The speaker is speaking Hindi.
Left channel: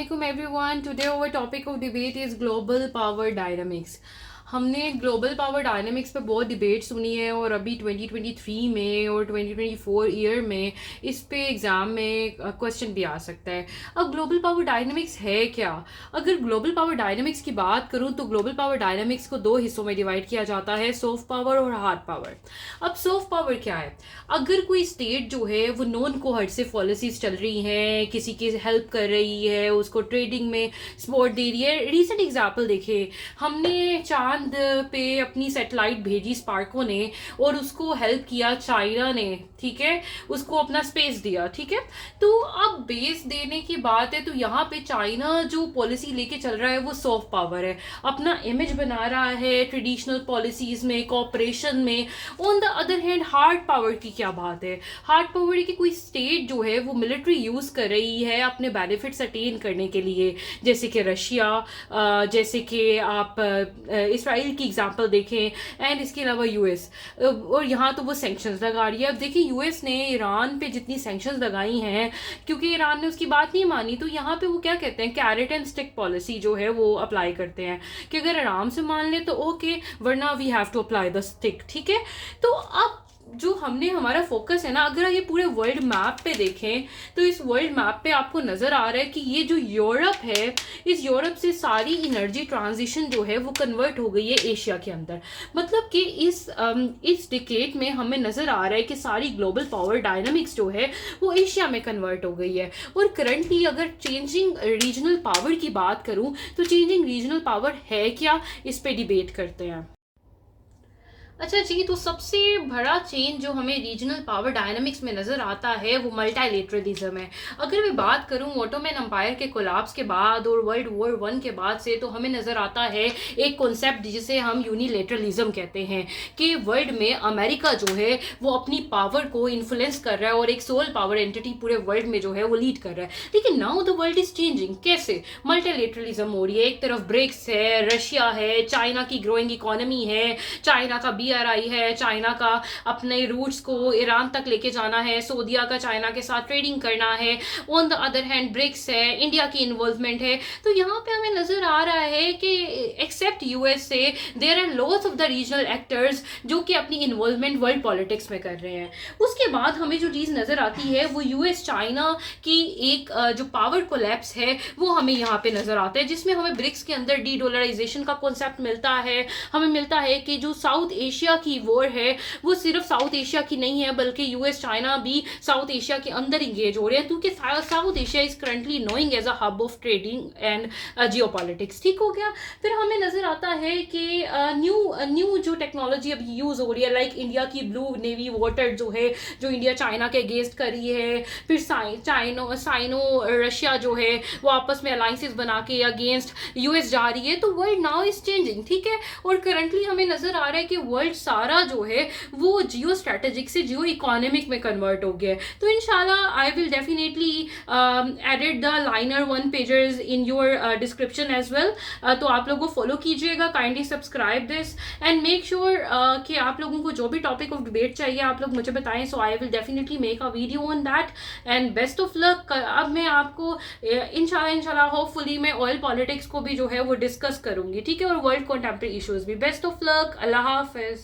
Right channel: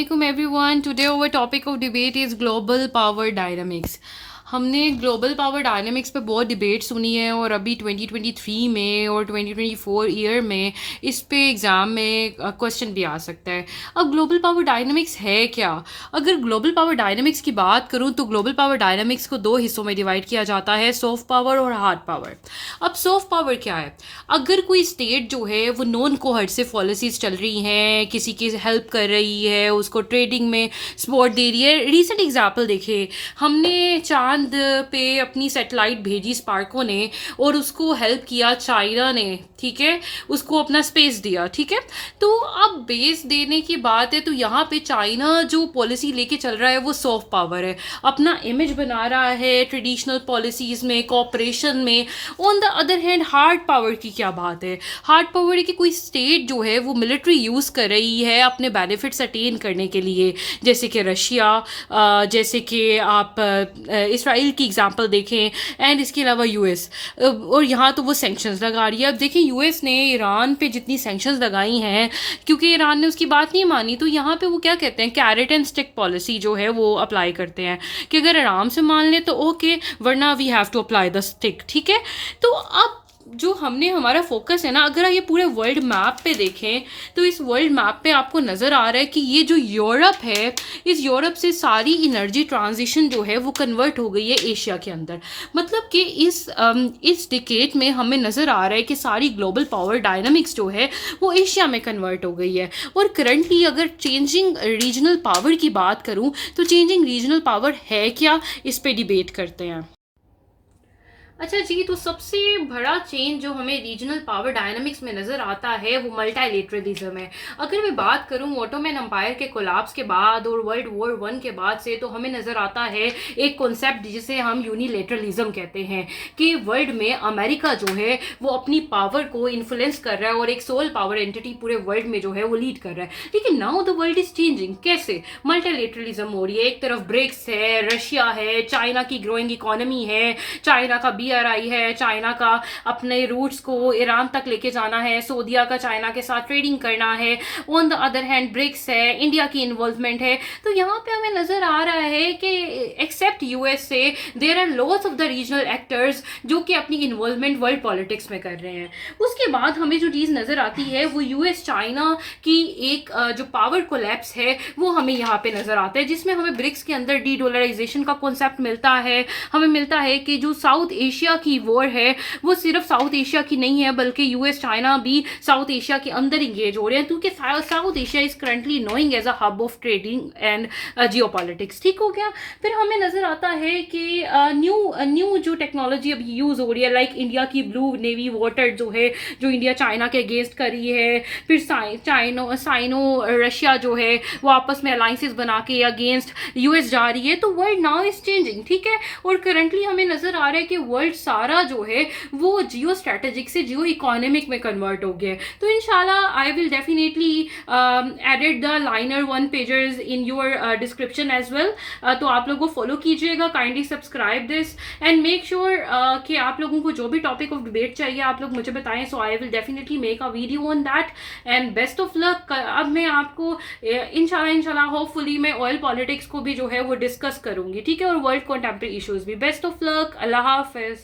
Assalamualaikum everyone. Today our topic of debate is global power dynamics. हमने ग्लोबल पावर डायनामिक्स पे बहुत डिबेट सुनी है और अभी 2023 में और 2024 ईयर में इस पे एग्ज़ाम में क्वेश्चन भी आ सकता है. अब ग्लोबल पावर डायनामिक्स है क्या? अगर ग्लोबल पावर डायनामिक्स की बात करूं तो ग्लोबल पावर डायनामिक्स को दो हिस्सों में डिवाइड किया जाता है, सॉफ्ट पावर और हार्ड पावर. अब सॉफ्ट पावर क्या है? अगर कोई स्टेट जो है वो नॉन कोहर्सिव पॉलिसीज़ चल रही हैं, किसी की हेल्प कर रही है, उसको ट्रेडिंग में सपोर्ट दे रही है. रिसेंट एग्जाम्पल देखिए, हमने चांद पे अपनी सैटेलाइट भेजी स्पार्को ने और उसको हेल्प किया चाइना ने, ठीक है, उसको अपना स्पेस दिया, ठीक है. तो अब बेस देने की बात है तो यहाँ पे चाइना जो पॉलिसी लेके चल रहा है वो सॉफ्ट पावर है, अपना इमेज बना रहा है ट्रेडिशनल पॉलिसीज में, कॉपरेशन में. On the other hand hard power की क्या बात है? हार्ड पावर है कि कोई स्टेट जो है वो मिलिट्री यूज़ कर रही है अपने बेनिफिट्स अटेन करने के लिए, जैसे कि रशिया, जैसे कि आप इसराइल की एग्जांपल देखें, एंड इसके अलावा यूएस. और यहाँ तो वो सैंक्शंस लगा रही है. अब देखिए यूएस ने ईरान पे जितनी सैंक्शंस लगाई हैं क्योंकि ईरान ने उसकी बात नहीं मानी, तो यहाँ पे वो क्या कहते हैं, कैरेट एंड स्टिक पॉलिसी जो है वो अप्लाई करते हैं कि अगर आराम से मान ले तो ओके, वरना we have to apply the stick, ठीक है. तो अब जो हमने हमारा फोकस है ना, अगर आप ये पूरे वर्ल्ड मैप पे देखें तो इस वर्ल्ड मैप पे आपको नज़र आ रहा है कि ये जो यूरोप है, इस यूरोप से सारी एनर्जी ट्रांजिशन जो है वो कन्वर्ट हो गई है एशिया के अंदर. मतलब कि इस डिकेड में हमें नज़र आ रहा है कि सारी ग्लोबल पावर डायनामिक्स जो है वो एशिया में कन्वर्ट हो गई है. और करंटली अगर चेंजिंग रीजनल पावर की बात करूँ तो चेंजिंग रीजनल पावर है क्या, इस पे डिबेट करते हैं. अच्छा जी, तो सबसे बड़ा चेंज जो हमें रीजनल पावर डायनामिक्स में नज़र आता है वो मल्टीलेटरलिज्म है. अगर मैं बात करूं ऑटोमन एम्पायर के कोलैप्स के बाद और वर्ल्ड वॉर 1 के बाद से, तो हमें नज़र आता है एक कॉन्सेप्ट जिसे हम यूनिलेटरलिज्म कहते हैं कि वर्ल्ड में अमेरिका जो है वो अपनी पावर को इन्फ्लुएंस कर रहा है और एक सोल पावर एंटिटी पूरे वर्ल्ड में जो है वो लीड कर रहा है. लेकिन now the world is changing. कैसे? मल्टीलेटरलिज्म हो रही है. एक तरफ ब्रिक्स है, रशिया है, चाइना की ग्रोइंग इकोनॉमी है, चाइना का BRI है, चाइना का अपने रूट्स को ईरान तक लेके जाना है, सऊदीया का चाइना के साथ ट्रेडिंग करना है. On the other hand BRICS है, इंडिया की इन्वॉल्वमेंट है. तो यहाँ पे हमें नजर आ रहा है कि except USA there are lots of the regional actors जो कि अपनी इन्वॉल्वमेंट वर्ल्ड पॉलिटिक्स में कर रहे हैं. उसके बाद हमें जो चीज़ नजर आती है वो US चाइना की एक जो पावर कोलैप्स है वो हमें यहाँ पे नजर आता है, जिसमें हमें ब्रिक्स के अंदर डी डॉलराइजेशन का कॉन्सेप्ट मिलता है. हमें मिलता है कि जो साउथ एशिया की वॉर है वो सिर्फ साउथ एशिया की नहीं है, बल्कि US चाइना भी साउथ एशिया के अंदर इंगेज हो रहे हैं, क्योंकि South Asia is currently knowing as a hub of trading and geopolitics. ठीक हो गया. फिर हमें नजर आता है कि न्यू जो टेक्नोलॉजी अभी यूज हो रही है, लाइक इंडिया की ब्लू नेवी वाटर जो है, जो इंडिया चाइना के अगेंस्ट कर रही है. फिर साइनो रशिया जो है वो आपस में अलायंसेस बना के अगेंस्ट US जा रही है. तो वर्ल्ड नाउ इज चेंजिंग, ठीक है. और करंटली हमें नजर आ रहा है कि वर्ल्ड सारा जो है वो जियो स्ट्रेटेजिक से जियो इकोनॉमिक में कन्वर्ट हो गया है. तो इंशाल्लाह I will definitely edit the liner 1 pages in your description as well. तो आप लोगों को फॉलो कीजिएगा, kindly subscribe this and make sure कि आप लोगों को जो भी टॉपिक ऑफ डिबेट चाहिए आप लोग मुझे बताएं. So I will definitely make a video on that and best of luck. अब मैं आपको इंशाल्लाह होपफुली मैं ऑयल पॉलिटिक्स को भी जो है वो डिस्कस करूंगी, ठीक है, और वर्ल्ड कंटेम्प्रेरी इश्यूज भी. Best of luck. Allah Hafiz.